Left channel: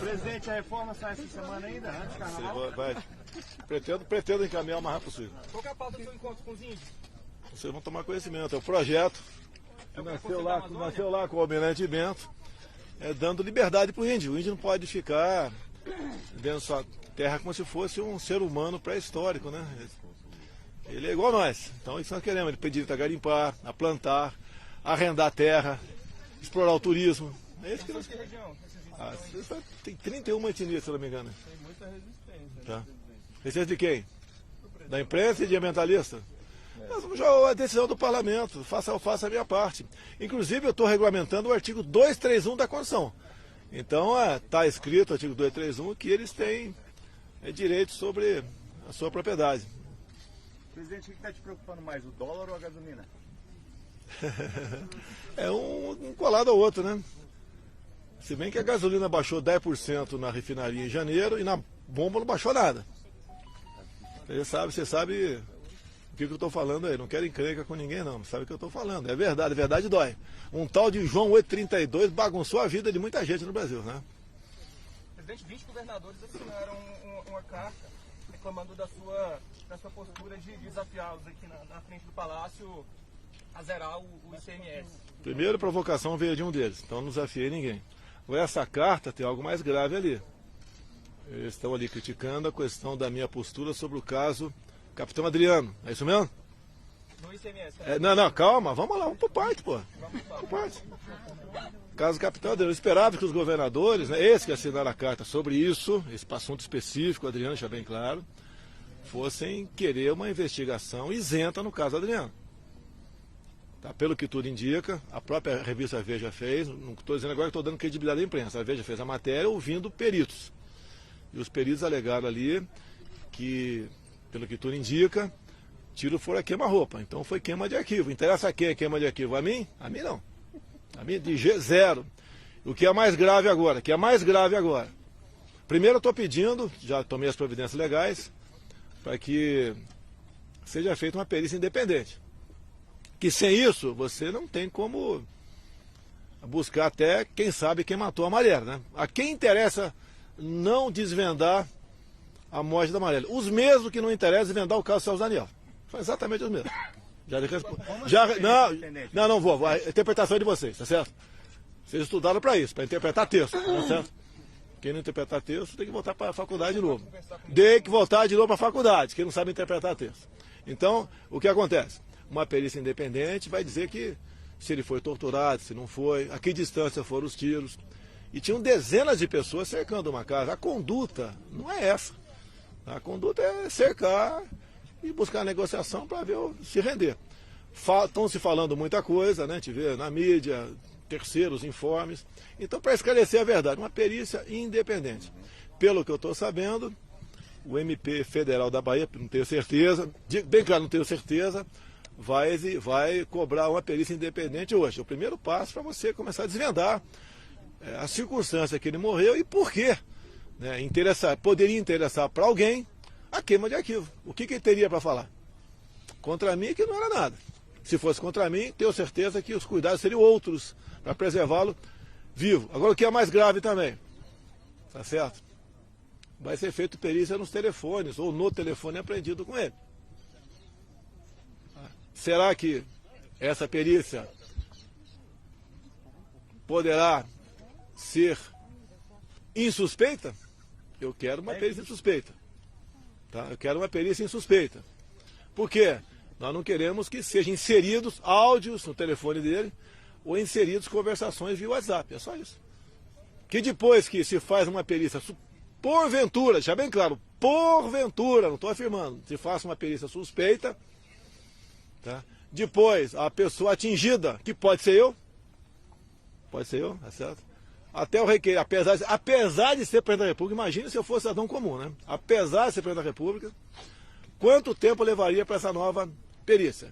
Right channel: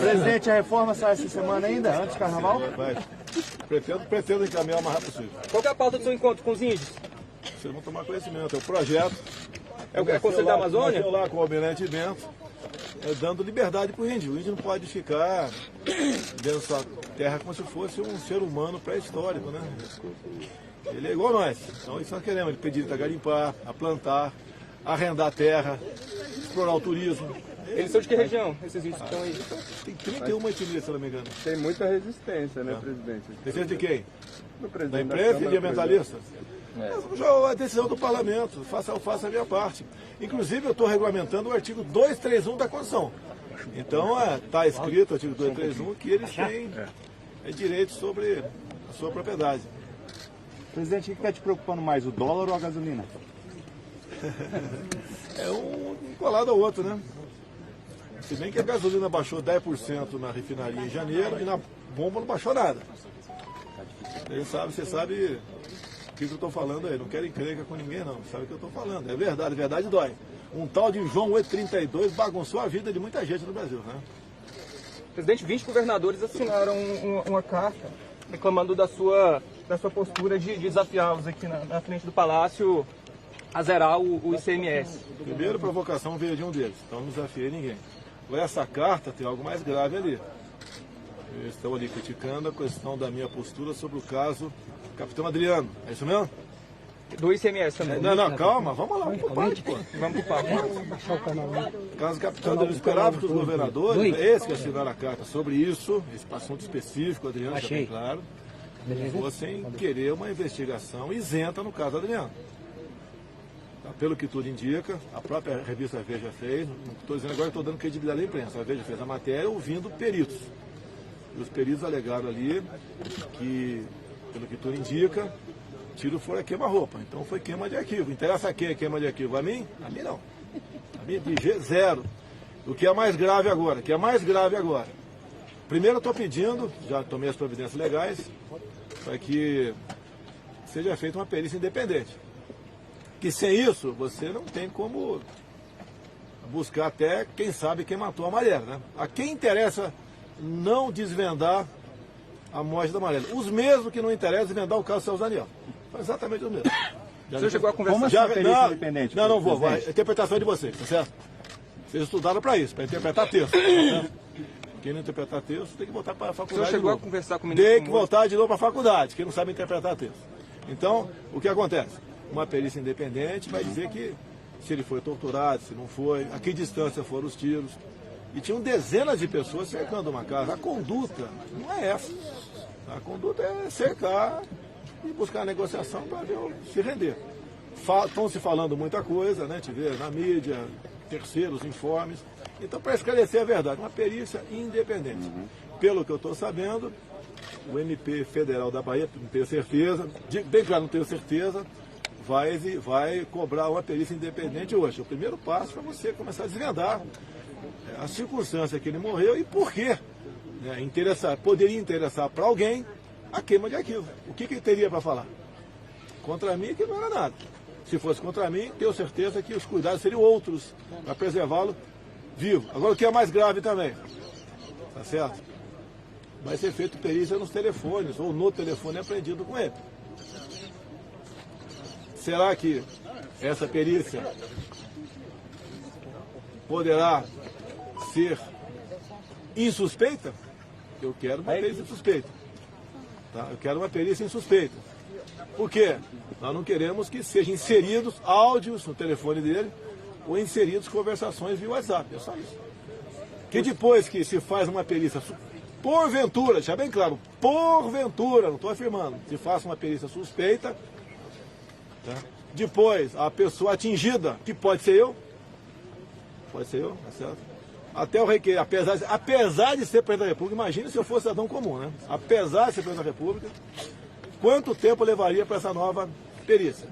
Presidente, a reforma sai essa semana ainda, antes do carnaval? Vai. Pretendo encaminhar o mais rápido possível. Qual que é a pauta do seu encontro com os índios? Vocês vão tomar conhecimento, é o projeto. É o Conselho da Amazônia? Eu lá com o Almirante Bento, dando liberdade para o índio. O índio não pode ficar dentro da sua terra como se fosse um ser humano pré-histórico, né? Ele é igual a nós. Então isso nós queremos. Ele pedir a garimpar, a plantar, arrendar terra, explorar o turismo. Eles são de que região, esses índios que estão aí? Tem 31 etnias, se não me engano. Tem muita resistência, né, presidente? Resistência de quem? Do presidente Da imprensa e de ambientalistas? Nós vamos jogar a decisão do parlamento, faça a minha parte. Inclusive, eu estou regulamentando o artigo 231 da Constituição. Então, está escrito no artigo 231 que eles têm direito sobre a sua propriedade. Presidente, o que está te preocupando mais, o dólar ou a gasolina? É um colado ao outro, né? Se bem que a gasolina baixou 10% na refinaria em janeiro e na bomba não baixou nada. Você sabe o que eu estou falando aí. Não quero encrenca com ninguém, não. Sabe o que eu estou falando. É verdade dói. Um tal de João 832 bagunçou a vida de muita gente no Brasil, né? Presidente, 20 governadores assinaram uma carta reclamando da sua postura de desafiá-los aqui na frente do Palácio a zerar o ICMS. Primeira provocação veio de um deles, então não desafiei ninguém. Essa carta tem algo mais grave ali. Eles estão ali criticando a questão da minha postura sobre o caso Capitão Adriano. É isso mesmo? Do ICMS também. Não, calma, vamos lá, vamos por parte, pô. Vamos por parte. Caso Capitão Adriano, eu esperava que os governadores, esses que assinaram a carta sobre isso, esse assunto específico, Adriano, deixa bem claro, fossem querer uma investigação isenta no caso Adriano. Tá, pelo que tudo indica, a própria revista Veja fez, não estou dizendo agora que estou dando credibilidade à imprensa, a Veja fez a matéria ouvindo peritos. E os peritos alegaram ali que, pelo que tudo indica, tiro fora queima-roupa. Então foi queima de arquivo. Interessa a quem é queima de arquivo? A mim? A mim não. A mim de G0. O que é mais grave agora? Primeiro eu estou pedindo, já tomei as providências legais, para que seja feita uma perícia independente. Que sem isso, você não tem como buscar até, quem sabe, quem matou a Marielle, né? A quem interessa não desvendar a morte da Marielle? Os mesmos que não interessam desvendar o caso Celso Daniel. Foi exatamente os mesmos. Você chegou a conversar com a perícia independente? Não vou. A interpretação é de vocês, tá certo? Vocês estudaram para isso, para interpretar texto, tá certo? Quem não interpretar texto tem que voltar para a faculdade. Você chegou a conversar com o ministro? Tem que voltar de novo para a faculdade, quem não sabe interpretar texto. Então, o que acontece? Uma perícia independente vai dizer que se ele foi torturado, se não foi, a que distância foram os tiros. E tinham dezenas de pessoas cercando uma casa. A conduta não é essa. A conduta é cercar e buscar a negociação para ver se render. Estão se falando muita coisa, né? A gente vê na mídia, terceiros informes. Então, para esclarecer a verdade, uma perícia independente. Pelo que eu estou sabendo, o MP Federal da Bahia, não tenho certeza, bem claro, não tenho certeza, vai cobrar uma perícia independente hoje. É o primeiro passo para você começar a desvendar a circunstância que ele morreu e por quê. Né, poderia interessar para alguém a queima de arquivo. O que ele teria para falar? Contra mim, que não era nada. Se fosse contra mim, tenho certeza que os cuidados seriam outros para preservá-lo vivo. Agora, o que é mais grave também, tá certo? Vai ser feito perícia nos telefones ou no telefone apreendido com ele. Será que essa perícia poderá ser insuspeita? Eu quero uma perícia insuspeita. Tá? Eu quero uma perícia insuspeita. Por quê? Nós não queremos que sejam inseridos áudios no telefone dele ou inseridos conversações via WhatsApp. É só isso. Que depois que se faz uma perícia, porventura, deixa bem claro, porventura, não estou afirmando, se faça uma perícia suspeita, tá? Depois a pessoa atingida, que pode ser eu, tá certo? Até o requerer, apesar de ser presidente da República, imagine se eu fosse cidadão comum, né? Apesar de ser presidente da República, quanto tempo levaria para essa nova perícia?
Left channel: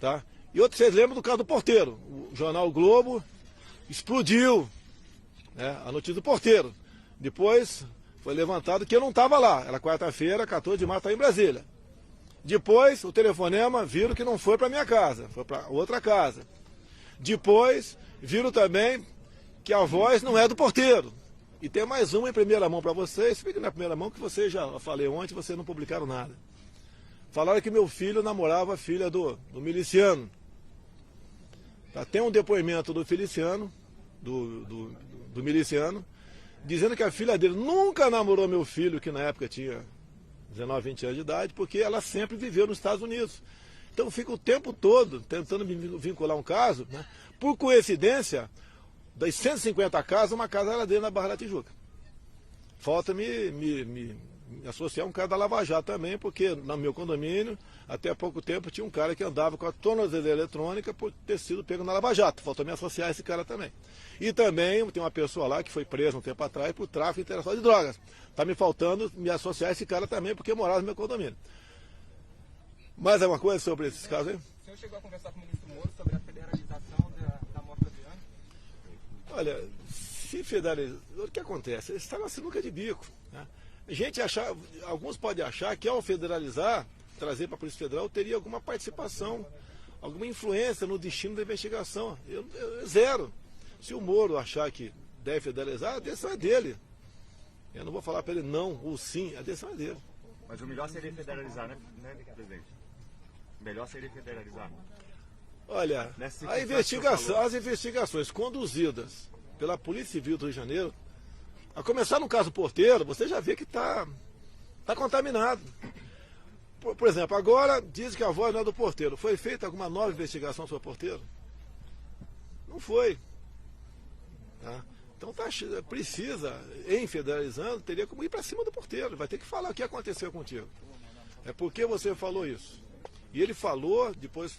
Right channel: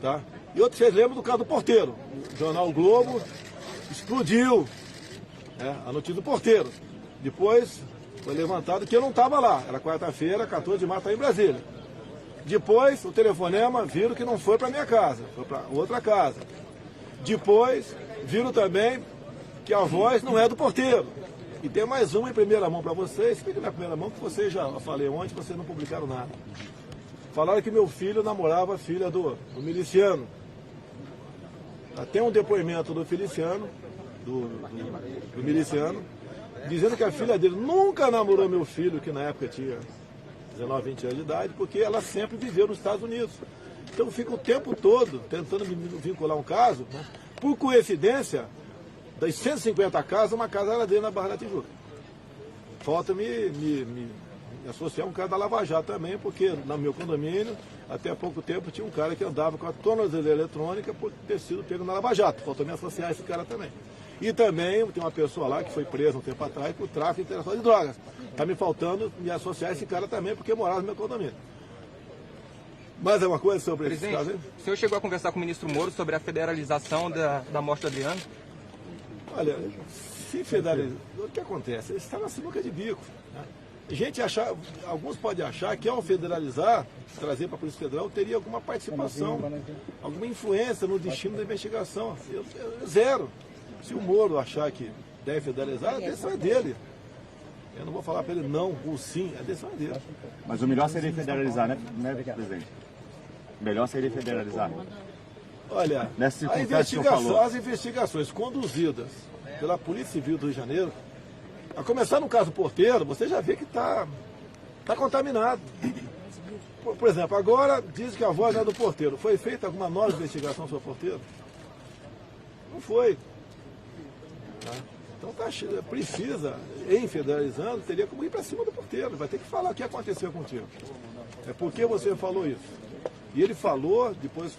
Tá? E outro, vocês lembram do caso do porteiro? O jornal o Globo explodiu, né, a notícia do porteiro. Depois foi levantado que eu não estava lá. Era quarta-feira, 14 de março, em Brasília. Depois o telefonema viram que não foi para minha casa, foi para outra casa. Depois viram também que a voz não é do porteiro. E tem mais uma em primeira mão para vocês, fica na primeira mão que vocês já falei ontem, vocês não publicaram nada. Falaram que meu filho namorava a filha do miliciano. Tem um depoimento do Feliciano, do miliciano, dizendo que a filha dele nunca namorou meu filho, que na época tinha 19, 20 anos de idade, porque ela sempre viveu nos Estados Unidos. Então fica o tempo todo tentando me vincular um caso, né? Por coincidência, das 150 casas, uma casa era dentro da Barra da Tijuca. Falta me associar um cara da Lava Jato também, porque no meu condomínio, até há pouco tempo, tinha um cara que andava com a tornozeleira eletrônica por ter sido pego na Lava Jato. Falta me associar a esse cara também. E também tem uma pessoa lá que foi presa um tempo atrás por tráfico e interação de drogas. Está me faltando me associar a esse cara também, porque morava no meu condomínio. Mais alguma coisa sobre esse caso aí? O senhor chegou a conversar com o ministro Moro sobre a federalização da morte do Adriano? Olha, se federalizar, o que acontece? Ele está na sinuca de bico. Né? Alguns podem achar que ao federalizar, trazer para a Polícia Federal, teria alguma participação, alguma influência no destino da investigação. Zero. Se o Moro achar que deve federalizar, a decisão é dele. Eu não vou falar para ele não ou sim, a decisão é dele. Mas o melhor seria federalizar, né, presidente? Melhor seria federalizar. Olha, as investigações conduzidas pela Polícia Civil do Rio de Janeiro, a começar no caso Porteiro, você já vê que está contaminado. Por exemplo, agora diz que a voz é do Porteiro. Foi feita alguma nova investigação sobre o Porteiro? Não foi. Então precisa, em federalizando, teria como ir para cima do Porteiro. Vai ter que falar o que aconteceu contigo. É porque você falou isso. E ele falou, depois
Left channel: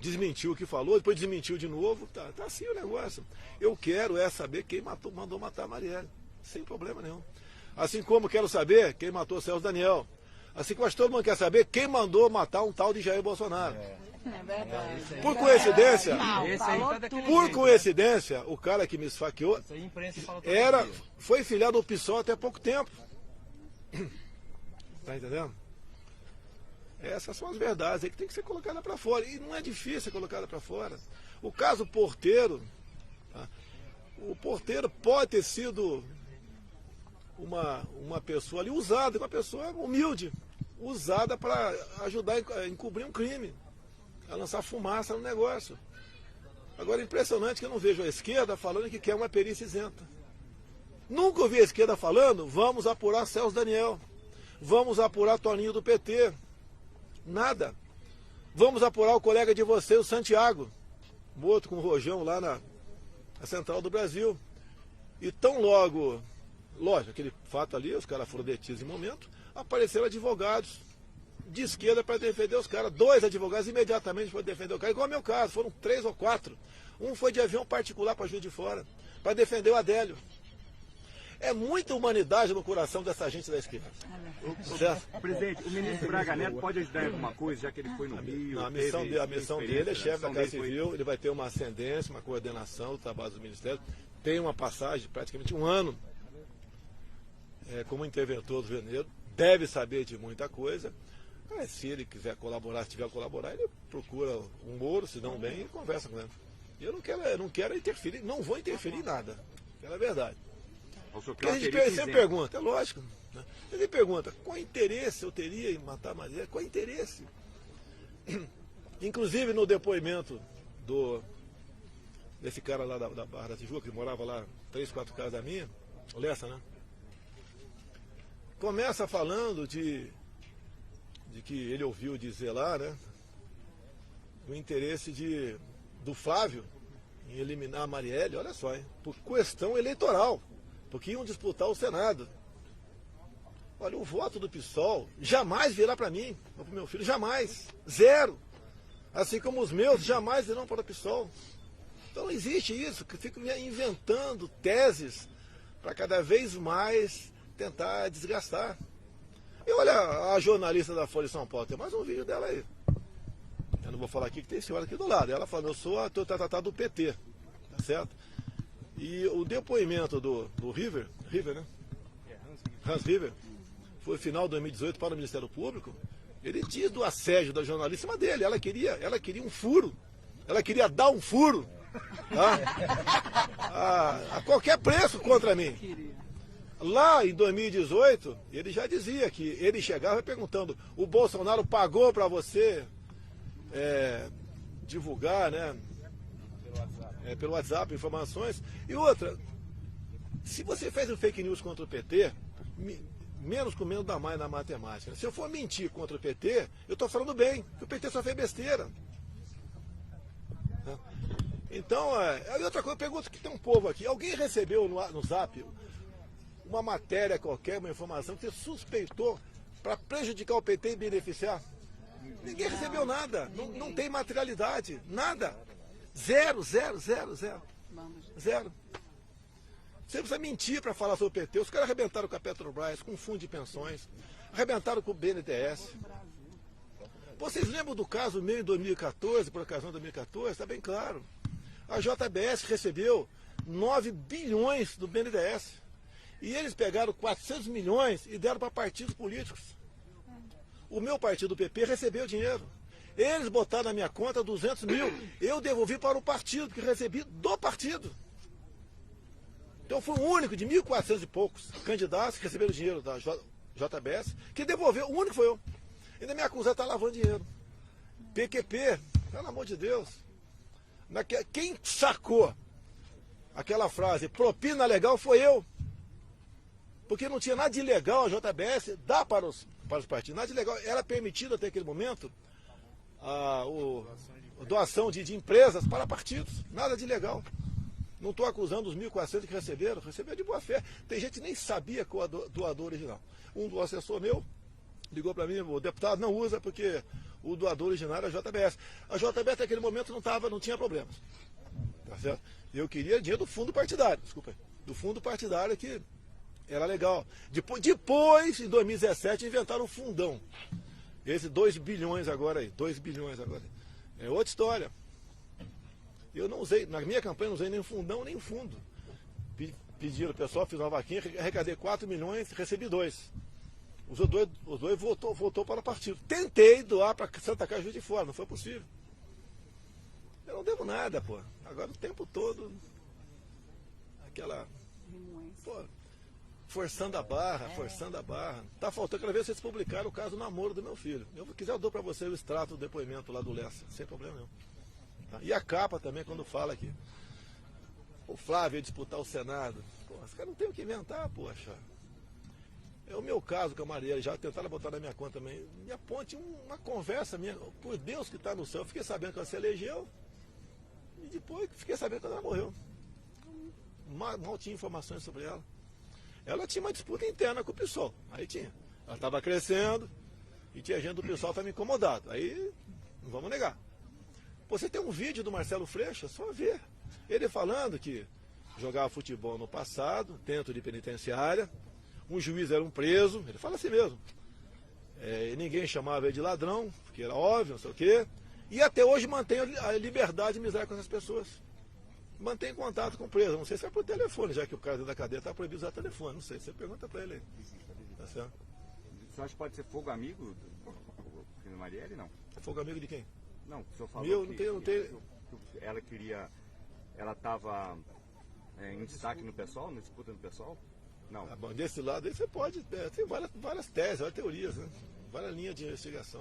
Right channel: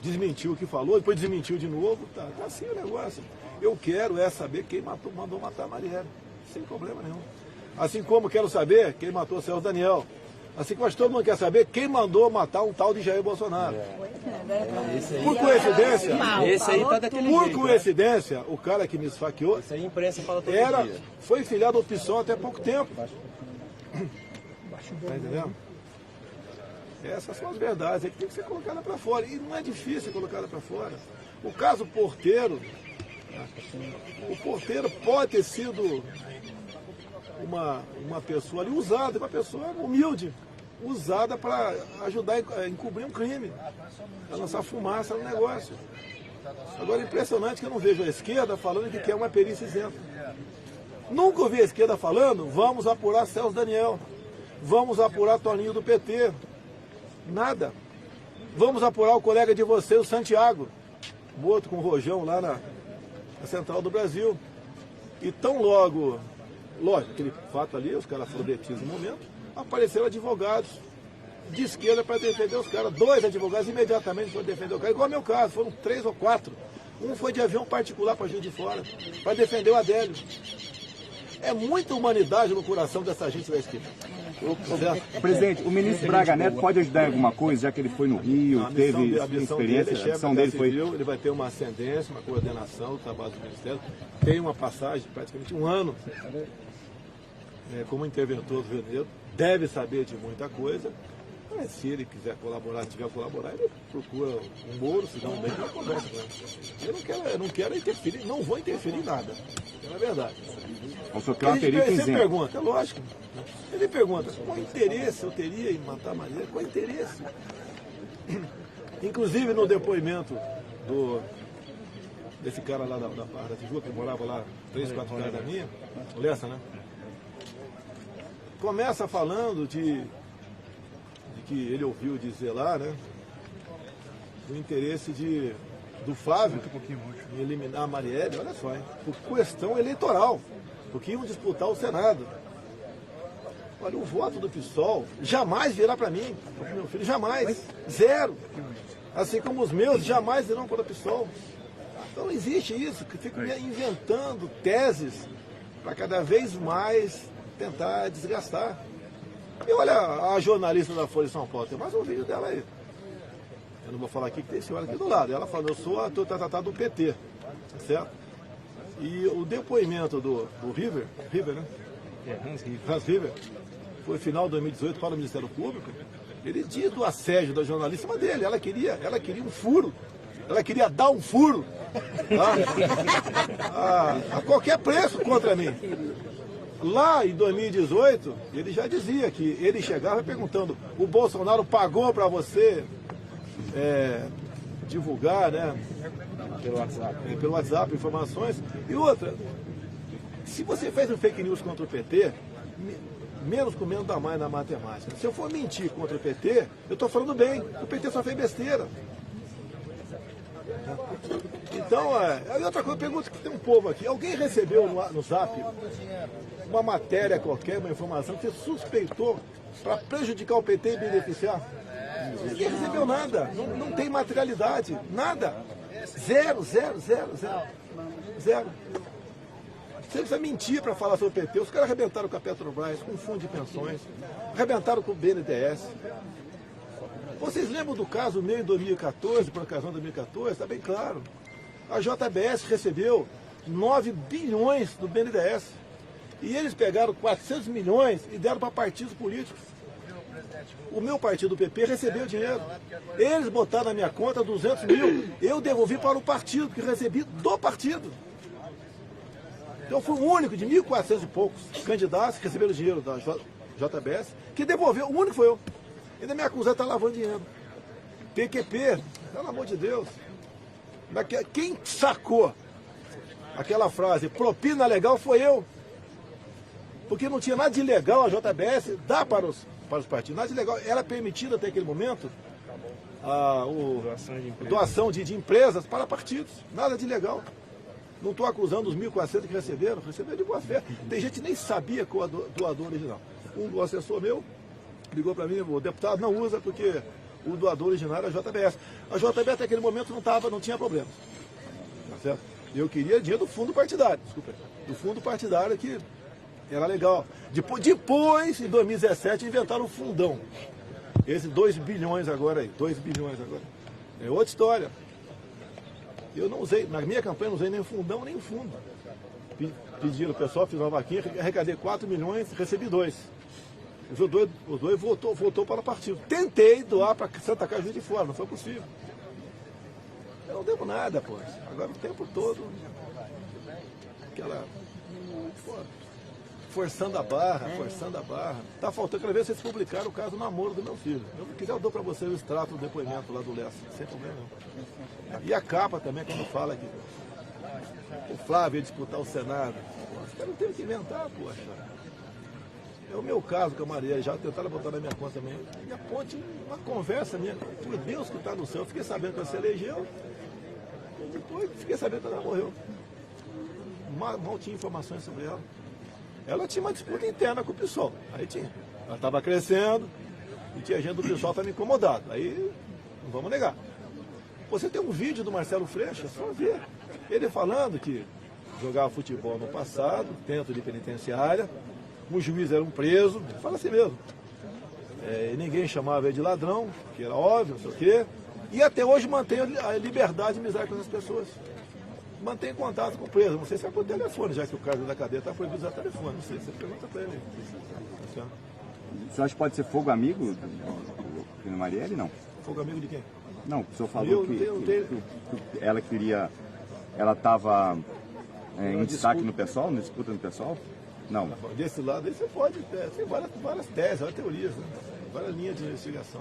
desmentiu o que falou, depois desmentiu de novo. Tá assim o negócio. Eu quero saber quem mandou matar a Marielle. Sem problema nenhum. Assim como quero saber quem matou o Celso Daniel. Assim como todo mundo quer saber quem mandou matar um tal de Jair Bolsonaro. Por coincidência, esse aí tá daquele por jeito, coincidência, o cara que me esfaqueou Isso aí a imprensa fala todo dia. foi filiado ao PSOL até pouco tempo. Tá entendendo? Essas são as verdades aí que tem que ser colocadas para fora. E não é difícil colocar para fora. O caso Porteiro, o Porteiro pode ter sido uma pessoa ali usada, uma pessoa humilde, usada para ajudar a encobrir um crime, a lançar fumaça no negócio. Agora é impressionante que eu não vejo a esquerda falando que quer uma perícia isenta. Nunca ouvi a esquerda falando, vamos apurar Celso Daniel, vamos apurar Toninho do PT. Nada. Vamos apurar o colega de vocês, o Santiago, boto com o Rojão lá na Central do Brasil. E tão logo, lógico, aquele fato ali, os caras foram detidos no momento, apareceram advogados de esquerda para defender os caras. 2 advogados imediatamente foram defender o cara, igual ao meu caso, foram 3 ou 4. Um foi de avião particular para Juiz de Fora, para defender o Adélio. É muita humanidade no coração dessa gente da esquerda. Presidente, o ministro Braga Neto pode ajudar em alguma coisa, já que ele foi no Rio, teve a missão experiência, dele, a missão dele foi... civil, ele vai ter uma ascendência, uma coordenação do trabalho do Ministério, tem uma passagem de praticamente 1 ano como interventor do Rio de Janeiro, deve saber de muita coisa. Se ele quiser colaborar, se tiver colaborar, ele procura um Moro, se não bem, ele conversa com ele. Eu não quero interferir, não vou interferir em nada, é verdade. Ele pergunta, é lógico. Ele pergunta, qual interesse eu teria em matar a Marielle? Qual interesse? Inclusive no depoimento desse cara lá da Barra da Tijuca, que morava lá 3, 4 casas da minha, o Lessa, né? Começa falando de que ele ouviu dizer lá, né? O interesse do Fábio em eliminar a Marielle, olha só, hein? Por questão eleitoral, porque iam disputar o Senado. Olha, o voto do PSOL jamais virá para mim, para o meu filho, jamais, 0. Assim como os meus jamais irão para o PSOL. Então não existe isso, que fico inventando teses para cada vez mais tentar desgastar. E olha a jornalista da Folha de São Paulo, tem mais um vídeo dela aí. Eu não vou falar aqui que tem senhora aqui do lado. Ela falou, eu sou a tratado do PT, tá certo? E o depoimento do River, né? Hans River, foi final de 2018 para o Ministério Público. Ele diz do assédio da jornalista dele. Ela queria um furo Ela queria dar um furo, tá? A qualquer preço contra mim. Lá em 2018, ele já dizia que ele chegava perguntando: o Bolsonaro pagou para você divulgar, né? Pelo WhatsApp, informações. E outra, se você fez um fake news contra o PT, menos com menos dá mais na matemática. Se eu for mentir contra o PT, eu estou falando bem. O PT só fez besteira. Então, outra coisa, eu pergunto que tem um povo aqui. Alguém recebeu no Zap uma matéria qualquer, uma informação que você suspeitou para prejudicar o PT e beneficiar? Ninguém recebeu nada. Não tem materialidade. Nada. Zero. Você precisa mentir para falar sobre o PT. Os caras arrebentaram com a Petrobras, com o fundo de pensões, arrebentaram com o BNDES. Vocês lembram do caso meio em 2014, por ocasião de 2014? Está bem claro. A JBS recebeu 9 bilhões do BNDES. E eles pegaram 400 milhões e deram para partidos políticos. O meu partido, o PP, recebeu dinheiro. Eles botaram na minha conta 200 mil. Eu devolvi para o partido, que recebi do partido. Então foi o único de 1.400 e poucos candidatos que receberam dinheiro da JBS que devolveu. O único foi eu. Ainda me acusaram de estar lavando dinheiro. PQP, pelo amor de Deus. Quem sacou aquela frase, propina legal, foi eu. Porque não tinha nada de ilegal a JBS dar para os partidos. Nada de ilegal. Era permitida até aquele momento doação de empresas para partidos. Nada de ilegal. Não estou acusando os 1.400 que receberam de boa fé. Tem gente que nem sabia qual é o doador original. Um assessor meu ligou para mim: o deputado não usa porque o doador original era a JBS. A JBS até aquele momento não tinha problemas. Tá certo? Eu queria dinheiro do fundo partidário, desculpa. Do fundo partidário que era legal. Depois, em 2017, inventaram um fundão. Esse 2 bilhões agora aí. 2 bilhões agora. É outra história. Eu não usei, na minha campanha não usei nem fundão, nem fundo. Pediram, o pessoal fez uma vaquinha, arrecadei 4 milhões, recebi 2. Os dois voltou para o partido. Tentei doar para Santa Casa de Fora, não foi possível. Eu não devo nada, pô. Agora o tempo todo, aquela... Pô, forçando a barra. Tá faltando, aquela vez vocês publicaram o caso do namoro do meu filho. Eu já dou para você o extrato do depoimento lá do Lessa, sem problema não. E a capa também, quando fala que o Flávio ia disputar o Senado. Os caras não teve que inventar, poxa. É o meu caso com a Maria, já tentaram botar na minha conta também. Minha ponte, uma conversa minha, por Deus que está no céu. Eu fiquei sabendo que ela se elegeu, e depois fiquei sabendo que ela morreu. Mal tinha informações sobre ela. Ela tinha uma disputa interna com o PSOL. Aí tinha. Ela estava crescendo e tinha gente do PSOL também incomodado. Aí, não vamos negar. Você tem um vídeo do Marcelo Freixo, é só ver. Ele falando que jogava futebol no passado, dentro de penitenciária, um juiz era um preso, ele fala assim mesmo. E ninguém chamava ele de ladrão, que era óbvio, não sei o quê. E até hoje mantém a liberdade de amizade com essas pessoas. Mantém contato com o preso, não sei se é por telefone, já que o cara da cadeia está proibido usar telefone, não sei, você pergunta para ele. Tá. O senhor acha que pode ser fogo amigo do Marielle, não? Fogo amigo de quem? Não, o senhor falou que ela queria, ela estava em destaque no PSOL, na disputa no PSOL? Não. Desse lado aí você pode ter, tem várias teses, várias teorias, né? Várias linhas de investigação.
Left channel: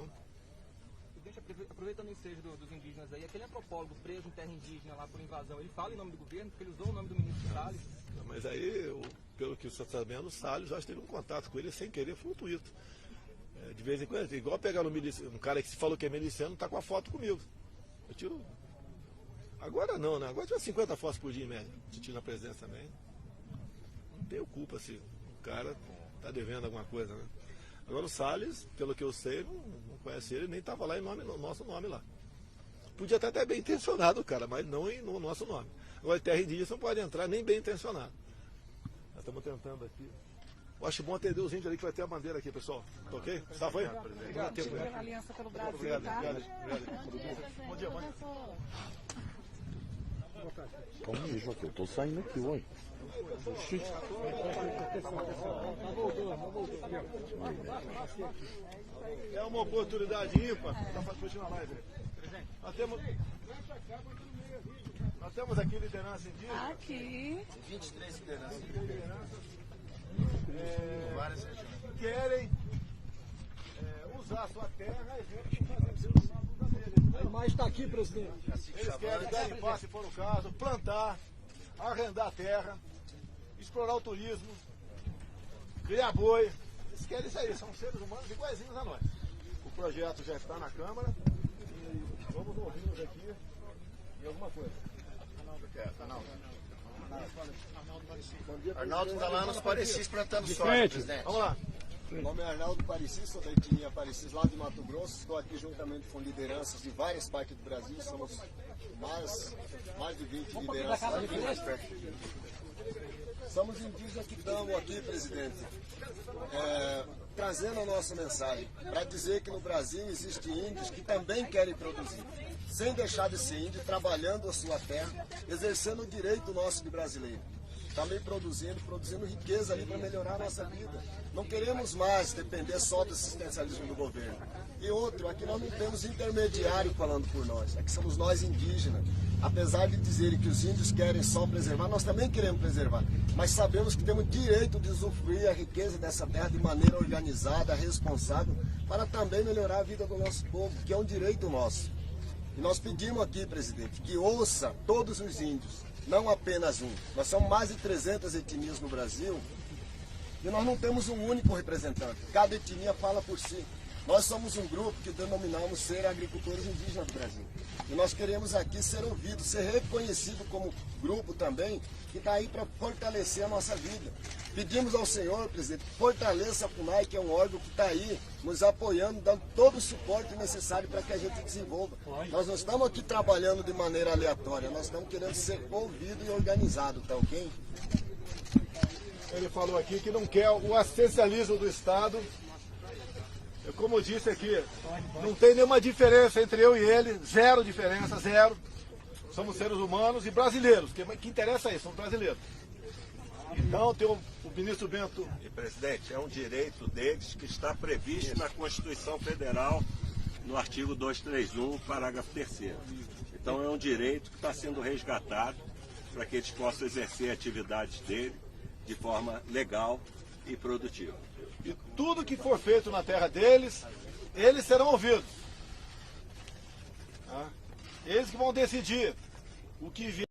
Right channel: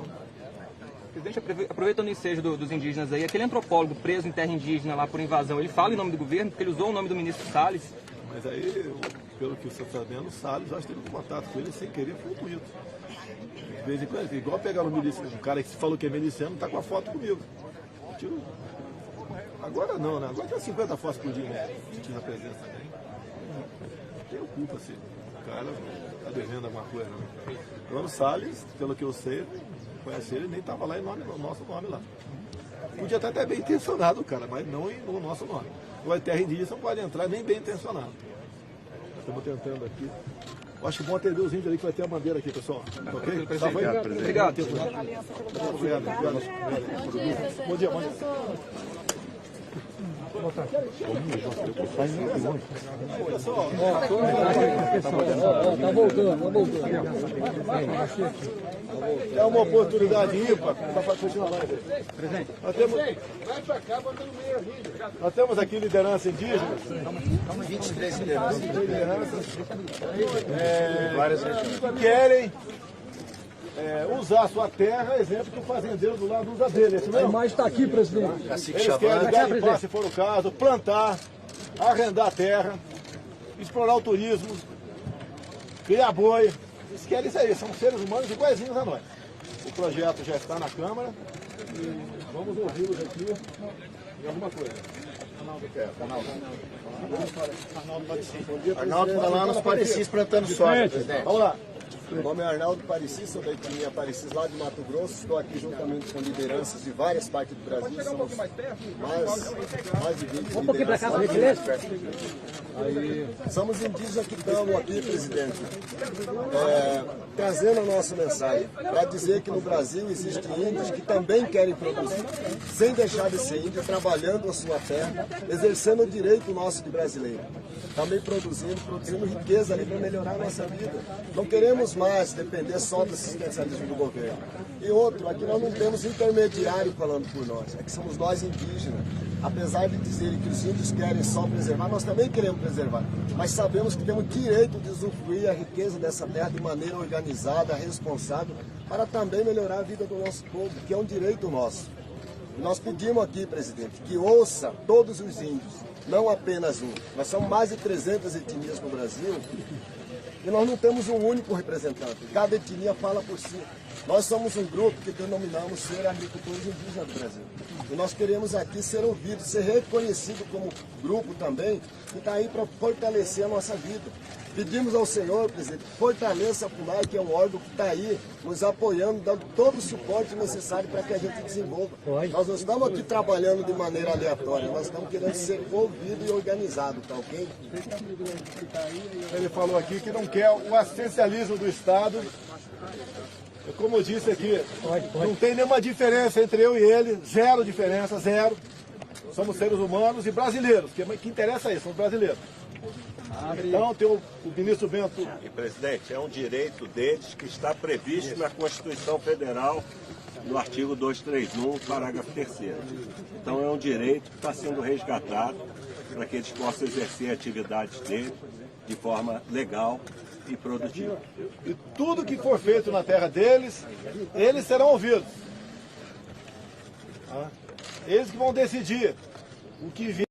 Presidente, aproveitando o ensejo dos indígenas aí, aquele antropólogo preso em terra indígena lá por invasão, ele fala em nome do governo, porque ele usou o nome do ministro Salles. Mas aí, pelo que você está sabendo, o Salles já teve contato com ele sem querer, foi um tweet. De vez em quando, igual pegar um cara que falou que é miliciano, está com a foto comigo. Eu tiro. Agora não, né? Agora tem 50 fotos por dia, né? Se tiver presença também. Não tenho culpa se o cara está devendo alguma coisa, né? Agora o Salles, pelo que eu sei, conhece ele, nem estava lá em nosso nome lá. Podia estar até bem intencionado o cara, mas não em o nosso nome. O terra indígena não pode entrar nem bem intencionado. Estamos tentando aqui. Eu acho bom atender os índios ali, que vai ter a bandeira aqui, pessoal. Ok? Tá bom? Obrigado. Bom dia, bom dia. É uma oportunidade ímpar para continuar mais. Nós temos aqui liderança indígena. 23 lideranças. Que querem usar a sua terra, exemplo que o fazendeiro do lado usa dele. Mas está aqui, presidente. Eles querem garimpar, se for o caso, plantar, arrendar terra, explorar o turismo, criar boi. Eles querem isso aí, são seres humanos iguaizinhos a nós. O projeto já está na Câmara e vamos ouvi-los aqui em alguma coisa. Arnaldo está lá nos Parecis plantando soja, presidente. Vamos lá. Meu nome é Arnaldo Parecis, sou da etnia Parecis lá de Mato Grosso. Estou aqui juntamente com lideranças de várias partes do Brasil. Somos mais de 20 lideranças. Somos indígenas que estamos aqui, presidente, trazendo a nossa mensagem para dizer que no Brasil existem índios que também querem produzir, sem deixar de ser índio, trabalhando a sua terra, exercendo o direito nosso de brasileiro. Também produzindo riqueza ali para melhorar a nossa vida. Não queremos mais depender só do assistencialismo do governo. E outro, aqui nós não temos intermediário falando por nós, é que somos nós indígenas. Apesar de dizerem que os índios querem só preservar, nós também queremos preservar. Mas sabemos que temos direito de usufruir a riqueza dessa terra de maneira organizada, responsável, para também melhorar a vida do nosso povo, que é um direito nosso. E nós pedimos aqui, presidente, que ouça todos os índios, não apenas um. Nós somos mais de 300 etnias no Brasil e nós não temos um único representante. Cada etnia fala por si. Nós somos um grupo que denominamos ser agricultores indígenas do Brasil. E nós queremos aqui ser ouvidos, ser reconhecido como grupo também, que está aí para fortalecer a nossa vida. Pedimos ao Senhor, presidente, que fortaleça a FUNAI, que é um órgão que está aí nos apoiando, dando todo o suporte necessário para que a gente desenvolva. Nós não estamos aqui trabalhando de maneira aleatória, nós estamos querendo ser ouvido e organizado, tá ok? Ele falou aqui que não quer o assistencialismo do Estado. Como eu disse aqui, não tem nenhuma diferença entre eu e ele, zero diferença, zero. Somos seres humanos e brasileiros, que interessa é isso, somos brasileiros. Então tem o ministro Bento. E, presidente, é um direito deles que está previsto na Constituição Federal, no artigo 231, parágrafo 3º. Então é um direito que está sendo resgatado para que eles possam exercer atividades deles de forma legal e produtiva. E tudo que for feito na terra deles, eles serão ouvidos. Eles que vão decidir o que vier.